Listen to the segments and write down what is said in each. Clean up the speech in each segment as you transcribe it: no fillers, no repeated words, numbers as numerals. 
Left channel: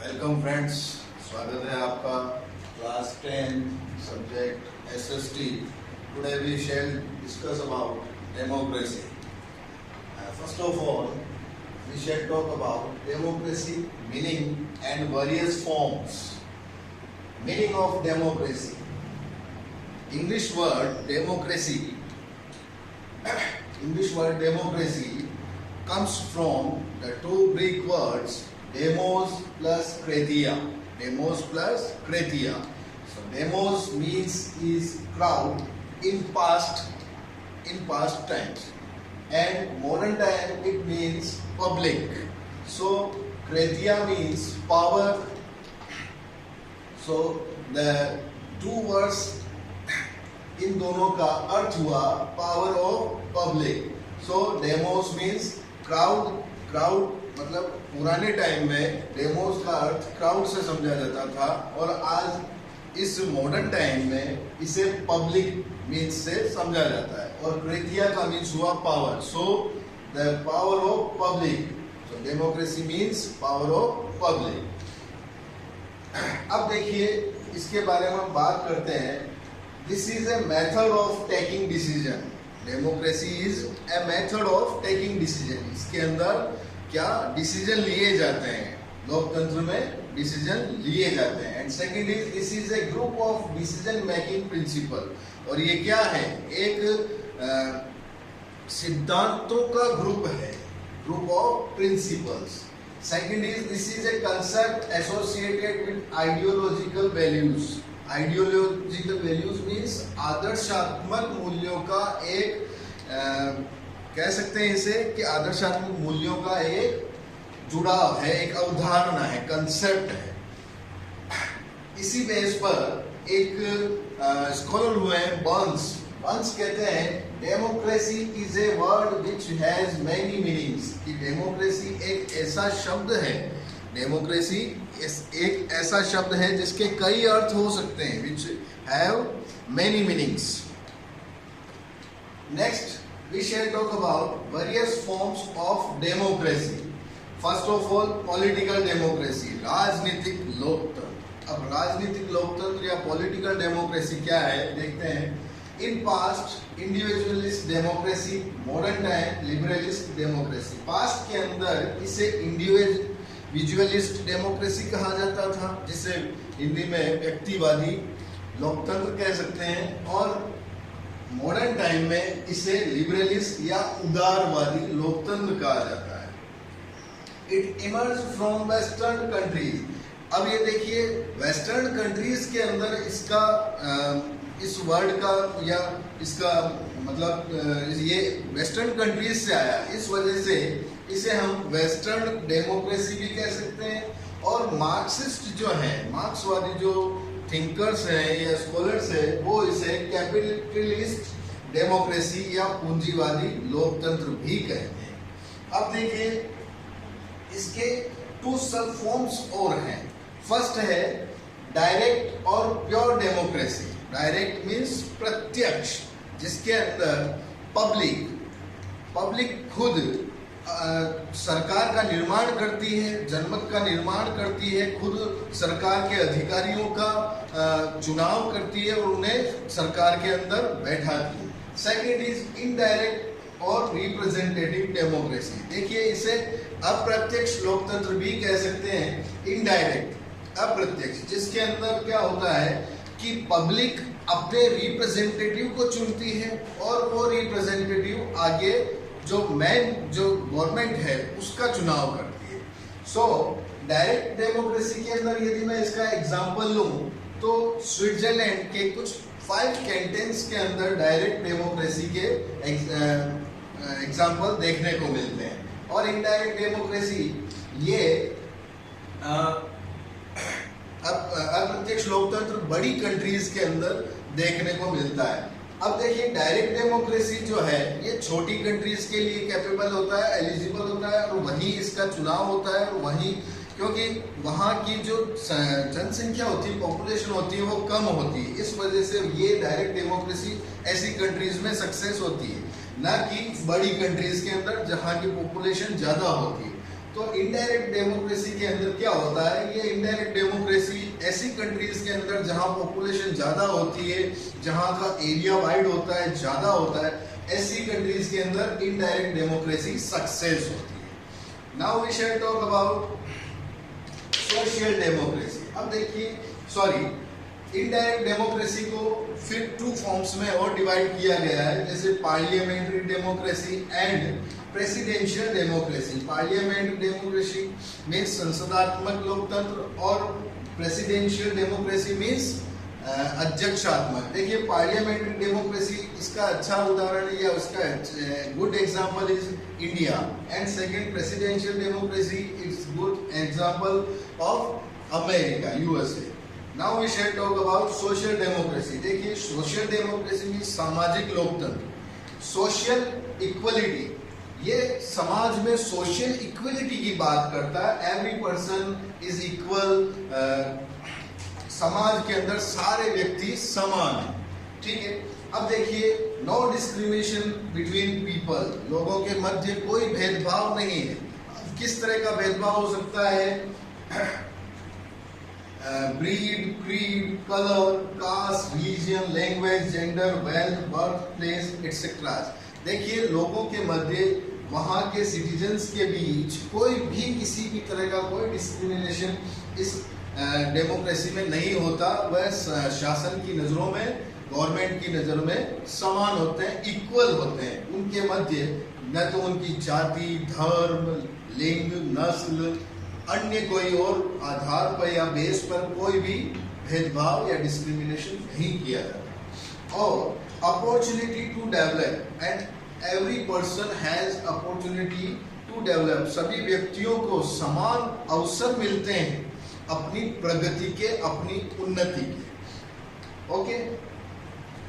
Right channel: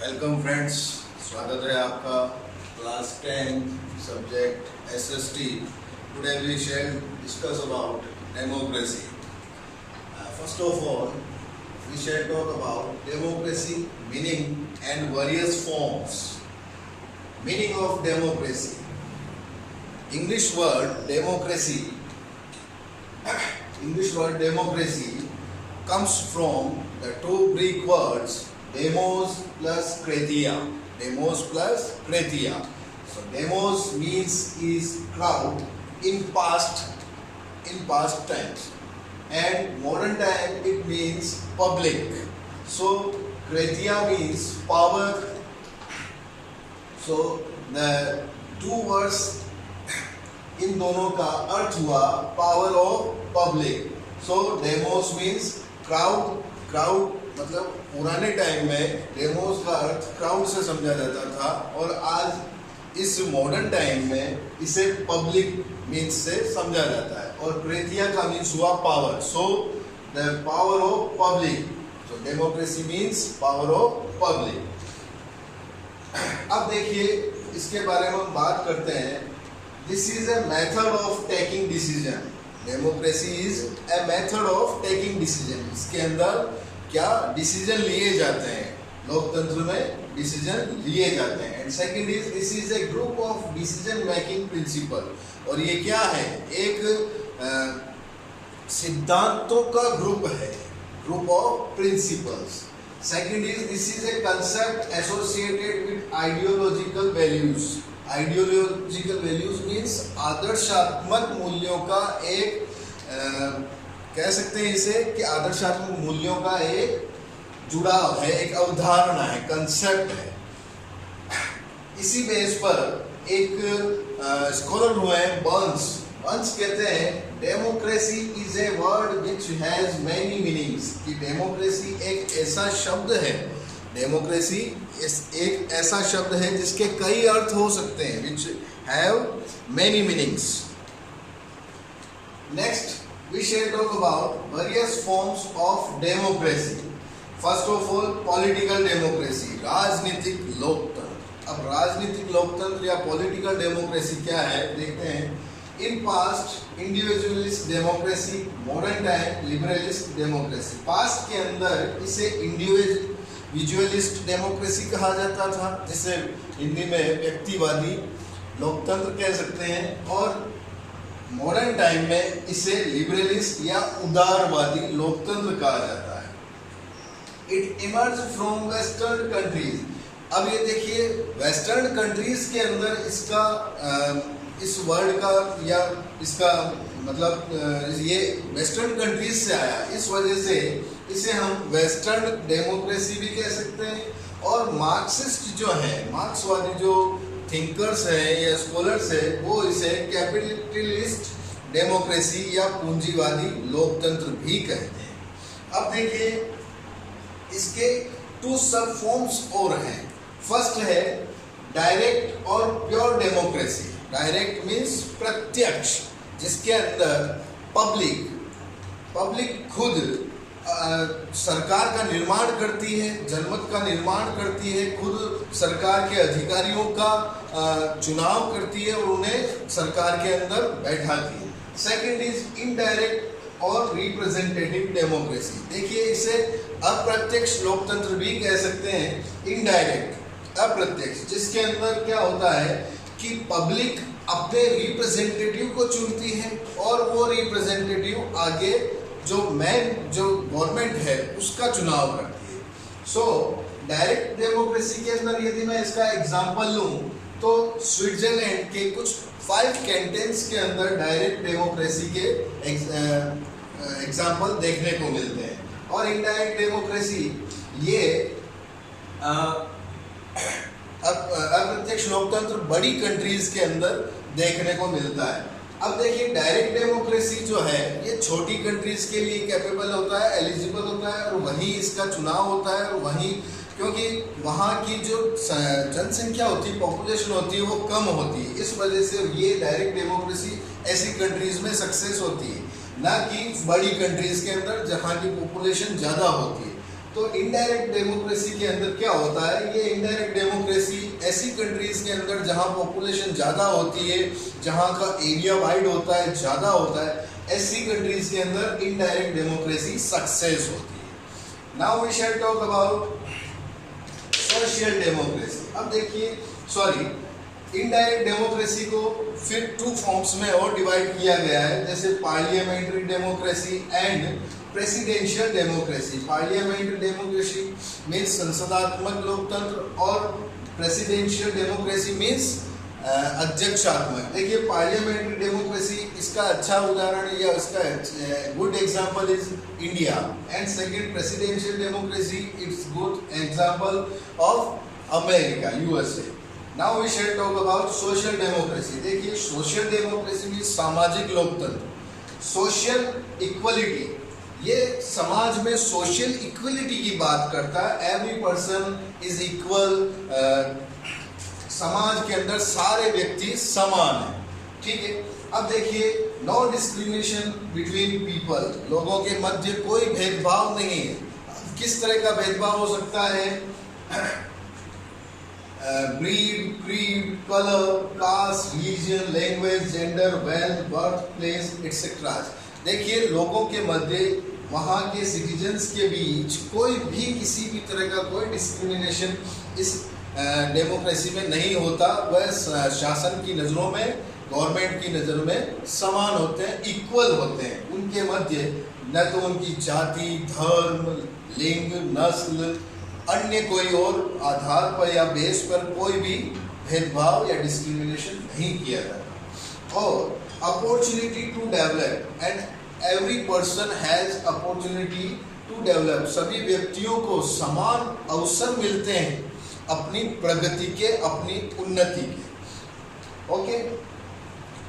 Welcome friends, स्वागत है आपका class 10 subject SST. Today we shall discuss about democracy. First of all we shall talk about democracy meaning and various forms. Meaning of democracy. English word democracy comes from the two Greek words demos plus kratia. So demos means is crowd in past tense, and modern time it means public. So kratia means power. So the two words इन दोनों का अर्थ हुआ power of public. So demos means crowd मतलब पुराने time में demos का अर्थ crowd से समझा जाता था, और आज इस मॉडर्न टाइम में इसे पब्लिक मीन्स से समझा जाता है. और क्रेतिया का मीन्स हुआ power. So the power of public. So democracy means power of public. अब देखिए इसके बारे में हम बात करते हैं. This is a method of taking decision. Democracy is a method of taking decision. इसके अंदर क्या डिसीजन लिए जाते हैं, लोकतंत्र में डिसीजन लिए जाते हैं. And second is this is a group of decision making principle. और ये क्या है, एक सिद्धांतों का ग्रुप है, group of principles. Second is this is a concept associated with ideological values. Ideological values means आदर्शात्मक मूल्यों का एक कह सकते हैं इसे कि आदर्शात्मक मूल्यों का एक जुड़ाव है, एक अवधारणा है, कंसेप्ट है. इसी बेस पर एक स्कॉलर हुए हैं बर्न्स कहते हैं democracy is a word which has many meanings. कि डेमोक्रेसी एक ऐसा शब्द है, डेमोक्रेसी एक ऐसा शब्द है जिसके कई अर्थ हो सकते हैं, which have many meanings. Next we shall talk about various forms of democracy. First of all political democracy, राजनीतिक लोकतंत्र. अब राजनीतिक लोकतंत्र या पॉलिटिकल डेमोक्रेसी क्या है देखते हैं. In past individualist democracy, modern time liberalist democracy. Past के अंदर इसे इंडिविजुअलिस्ट डेमोक्रेसी कहा जाता था, जिसे हिंदी में व्यक्तिवादी लोकतंत्र कह सकते हैं, और मॉडर्न टाइम में इसे लिबरलिस्ट या उदारवादी लोकतंत्र कहा जाता है. It emerge from western countries. अब ये देखिए वेस्टर्न कंट्रीज के अंदर इसका इस वर्ड का या इसका मतलब ये वेस्टर्न कंट्रीज से आया. इस वजह से इसे हम वेस्टर्न डेमोक्रेसी भी कह सकते हैं. और मार्क्सिस्ट जो हैं, मार्क्सवादी जो थिंकर्स हैं या स्कॉलर्स हैं, वो इसे कैपिटलिस्ट डेमोक्रेसी या पूंजीवादी लोकतंत्र भी कहते हैं. अब देखिए इसके टू सब फॉर्म्स और हैं. फर्स्ट है डायरेक्ट और प्योर डेमोक्रेसी. डायरेक्ट मीन्स प्रत्यक्ष, जिसके अंदर पब्लिक खुद सरकार का निर्माण करती है, जनमत का निर्माण करती है, खुद सरकार के अधिकारियों का चुनाव करती है और उन्हें सरकार के अंदर बैठाती है. सेकंड इज इनडायरेक्ट और रिप्रेजेंटेटिव डेमोक्रेसी. देखिए इसे अप्रत्यक्ष लोकतंत्र भी कह सकते हैं. इनडायरेक्ट अप्रत्यक्ष, जिसके अंदर क्या होता है कि पब्लिक अपने रिप्रेजेंटेटिव को चुनती है और वो रिप्रेजेंटेटिव आगे जो गवर्नमेंट है उसका चुनाव करती है. सो डायरेक्ट डेमोक्रेसी के अंदर यदि मैं इसका एग्जांपल लूं तो स्विट्जरलैंड के कुछ 5 कैंटन्स के अंदर डायरेक्ट डेमोक्रेसी के एग्जांपल देखने को मिलते हैं. और इनडायरेक्ट डेमोक्रेसी ये अप्रत्यक्ष लोकतंत्र बड़ी कंट्रीज के अंदर देखने को मिलता है. अब देखिए डायरेक्ट डेमोक्रेसी जो है ये छोटी कंट्रीज के लिए कैपेबल होता है, एलिजिबल होता है, और वहीं इसका चुनाव होता है. और वहीं क्योंकि वहाँ की जो जनसंख्या होती है, पॉपुलेशन होती है, वो कम होती है. इस वजह से ये डायरेक्ट डेमोक्रेसी ऐसी कंट्रीज में सक्सेस होती है, ना कि बड़ी कंट्रीज के अंदर जहाँ की पॉपुलेशन ज़्यादा होती है. तो इनडायरेक्ट डेमोक्रेसी के अंदर क्या होता है, ये इनडायरेक्ट डेमोक्रेसी ऐसी कंट्रीज के अंदर जहां पॉपुलेशन ज़्यादा होती है, जहां का एरिया वाइड होता है, ज़्यादा होता है, ऐसी कंट्रीज के अंदर इनडायरेक्ट डेमोक्रेसी सक्सेस होती है। Now we shall talk about social democracy. अब देखिए, इनडायरेक्ट डेमोक्रेसी को फिर 2 फॉर्म्स में और डिवाइड किया गया है, जैसे parliamentary democracy and presidential democracy. Parliamentary democracy means संसदात्मक लोकतंत्र और प्रेसिडेंशियल डेमोक्रेसी मीन्स अध्यक्षात्मक। देखिए, पार्लियामेंट्री डेमोक्रेसी इसका अच्छा उदाहरण या उसका good example is India, and second presidential democracy it's good example of America, USA. Now we shall talk about social democracy. देखिए, सोशल डेमोक्रेसी मीन्स सामाजिक लोकतंत्र, सोशल इक्वलिटी। ये समाज में सोशल इक्वलिटी की बात करता है, एवरी पर्सन इज इक्वल, समाज के अंदर सारे व्यक्ति समान हैं, ठीक है। अब देखिए, नो डिस्क्रिमिनेशन बिटवीन पीपल, लोगों के मध्य कोई भेदभाव नहीं है। किस तरह का भेदभाव हो सकता है? Breed, creed, colour, caste, religion, language, gender, wealth, birth place etcetera. देखिए, लोगों के मध्य, वहाँ के सिटीजन्स के बीच कोई भी किसी भी तरह का कोई डिस्क्रिमिनेशन इस डेमोक्रेसी में नहीं होता। वह शासन की नज़रों में, गवर्नमेंट की नज़र में समान होते हैं, इक्वल होते हैं। उनके मध्य न तो उनकी जाति, धर्म, लिंग, नस्ल, अन्य कोई और आधार पर या बेस पर कोई भी भेदभाव या डिस्क्रिमिनेशन नहीं किया जाता। और opportunity to develop, and every person has opportunity to develop. सभी व्यक्तियों को समान अवसर मिलते हैं अपनी प्रगति के, अपनी उन्नति के। Okay,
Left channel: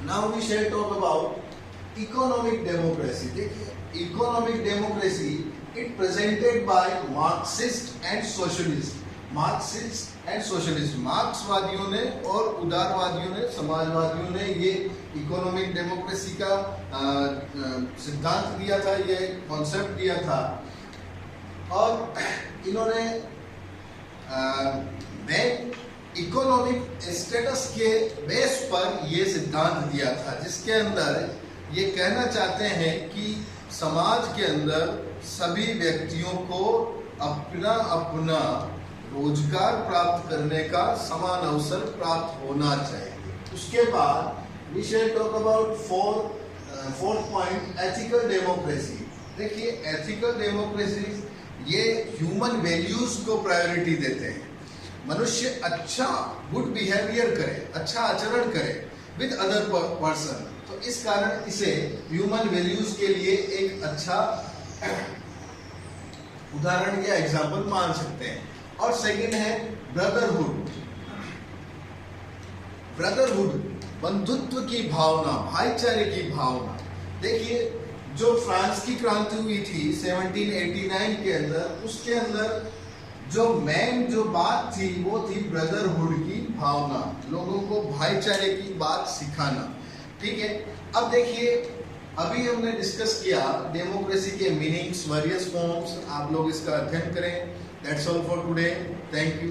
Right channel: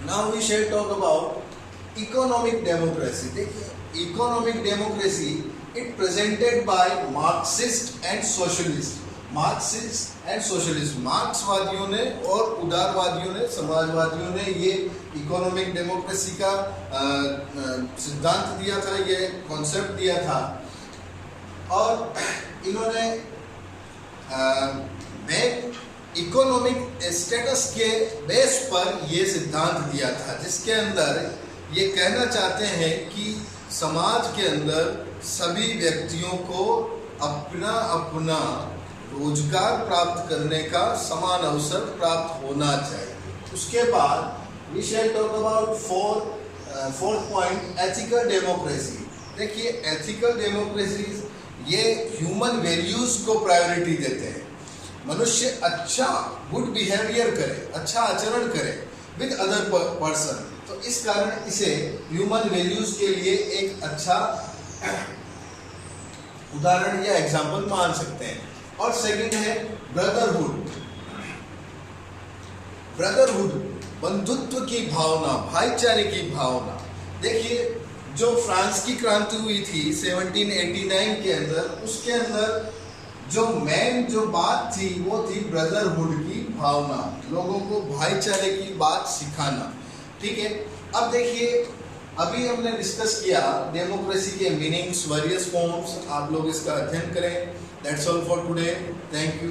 now we shall talk about economic democracy. देखिए, economic democracy it presented by Marxist and socialist. Marxist and socialist, मार्क्सवादियों ने और उदारवादियों ने, समाजवादियों ने ये इकोनॉमिक डेमोक्रेसी का सिद्धांत दिया था, ये कॉन्सेप्ट दिया था। और इन्होंने इकोनॉमिक स्टेटस के बेस पर ये सिद्धांत दिया था, जिसके अंदर ये कहना चाहते हैं कि समाज के अंदर सभी व्यक्तियों को अपना अपना रोजगार प्राप्त करने का समान अवसर प्राप्त होना चाहिए। उसके बाद we shall talk about fourth point, ethical democracy. देखिए, एथिकल डेमोक्रेसी ये ह्यूमन वैल्यूज को प्रायोरिटी देते हैं। मनुष्य अच्छा, गुड बिहेवियर करे, अच्छा आचरण करे विद अदर पर्सन, तो इस कारण इसे ह्यूमन वैल्यूज के लिए एक अच्छा उदाहरण या एग्जाम्पल मान सकते हैं। और सेकंड है ब्रदरहुड। ब्रदरहुड, बंधुत्व की भावना, भाईचारे की भावना। देखिए, जो फ्रांस की क्रांति हुई थी 1789 के अंदर, उसके अंदर जो मेन जो बात थी वो थी ब्रदरहुड की भावना, लोगों को भाईचारे की बात सिखाना, ठीक है। अब देखिए, अभी हमने डिस्कस किया डेमोक्रेसी के मीनिंग्स, वेरियस फॉर्म्स, आप लोग इसका अध्ययन करें। That's all for today, thank you.